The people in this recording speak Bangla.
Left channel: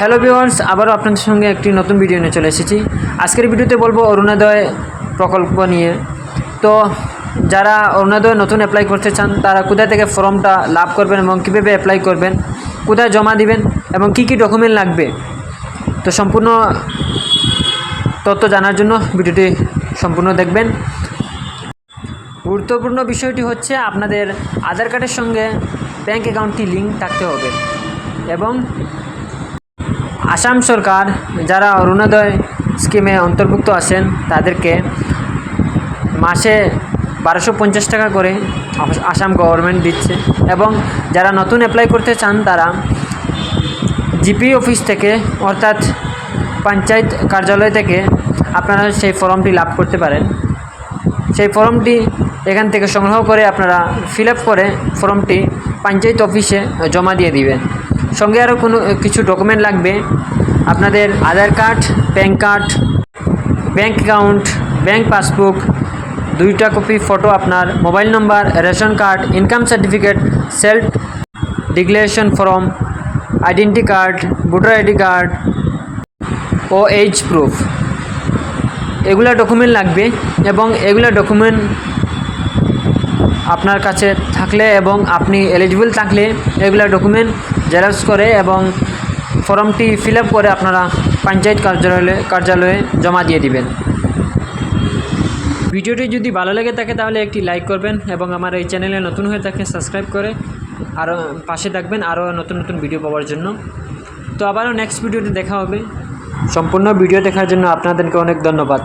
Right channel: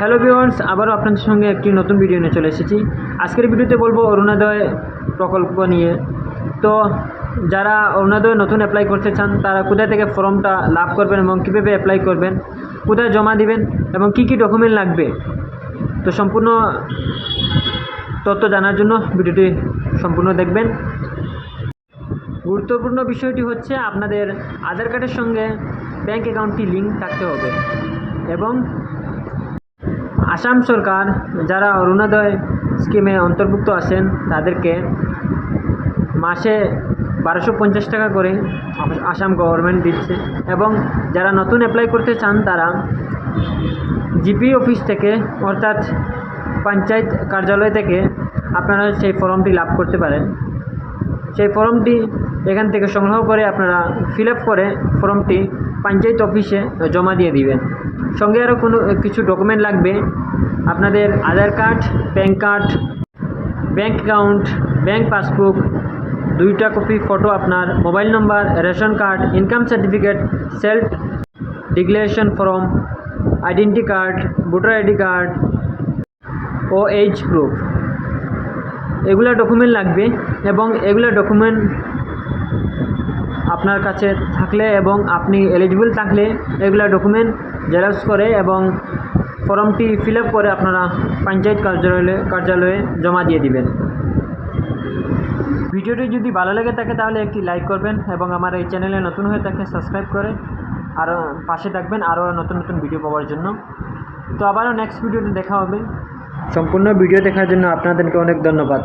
হ্যালো ভিউয়ার্স, আবারও আপনাদের সঙ্গে একটি নতুন ভিডিও নিয়ে চলে এসেছি। আজকের ভিডিওতে বলবো অরুণোদয় প্রকল্প নিয়ে। তো যারা অরুণোদয় নতুন অ্যাপ্লাই করতে চান তারা কোথা থেকে ফর্মটা লাভ করবেন এবং কীভাবে অ্যাপ্লাই করবেন, কোথায় জমা দিবেন এবং কী কী ডকুমেন্ট লাগবে, তো সম্পূর্ণ তথ্য জানার জন্য ভিডিওটি সম্পূর্ণ দেখবেন। গুরুত্বপূর্ণ বিষয়টি হচ্ছে আপনাদের আধার কার্ডের সঙ্গে ব্যাঙ্ক অ্যাকাউন্টটি লিঙ্ক থাকতে হবে এবং আসাম সরকার যারা অরুণোদয় স্কিমে অন্তর্ভুক্ত আছেন তাদেরকে মাসে 1250 টাকা করে আসাম গভর্নমেন্ট দিচ্ছে এবং যারা নতুন অ্যাপ্লাই করতে চান তারা জিপি অফিস থেকে অর্থাৎ পঞ্চায়েত কার্যালয় থেকে আপনারা সেই ফর্মটি লাভ করতে পারেন। সেই ফর্মটি এখান থেকে সংগ্রহ করে আপনারা ফিল আপ করে ফর্মটি পঞ্চায়েত অফিসে জমা দিয়ে দিবেন। সঙ্গে আরও কিছু ডকুমেন্ট লাগবে, আপনাদের Aadhaar card, PAN card, bank account, bank passbook, 2টা কপি ফটো, আপনার mobile number, ration card, income certificate, self declaration form, identity card, voter ID card ও এজ প্রুফ, এগুলা ডকুমেন্ট লাগবে। এবং এগুলা ডকুমেন্ট আপনার কাছে থাকলে এবং আপনি এলিজিবল থাকলে এগুলা ডকুমেন্ট জেরক্স করে এবং ফর্মটি ফিল আপ করে আপনারা পঞ্চায়েত কার্যালয়ে জমা দিয়ে দিবেন। ভিডিওটি যদি ভালো লেগে থাকে তাহলে একটি লাইক করবেন এবং আমার এই চ্যানেলে নতুন হয়ে থাকে সাবস্ক্রাইব করে আরও পাশে থাকবেন আরও নতুন নতুন ভিডিও পাওয়ার জন্য। তো আবারও নেক্সট ভিডিওতে দেখা হবে। সম্পূর্ণ ভিডিও দেখার জন্য আপনাদেরকে অনেক ধন্যবাদ।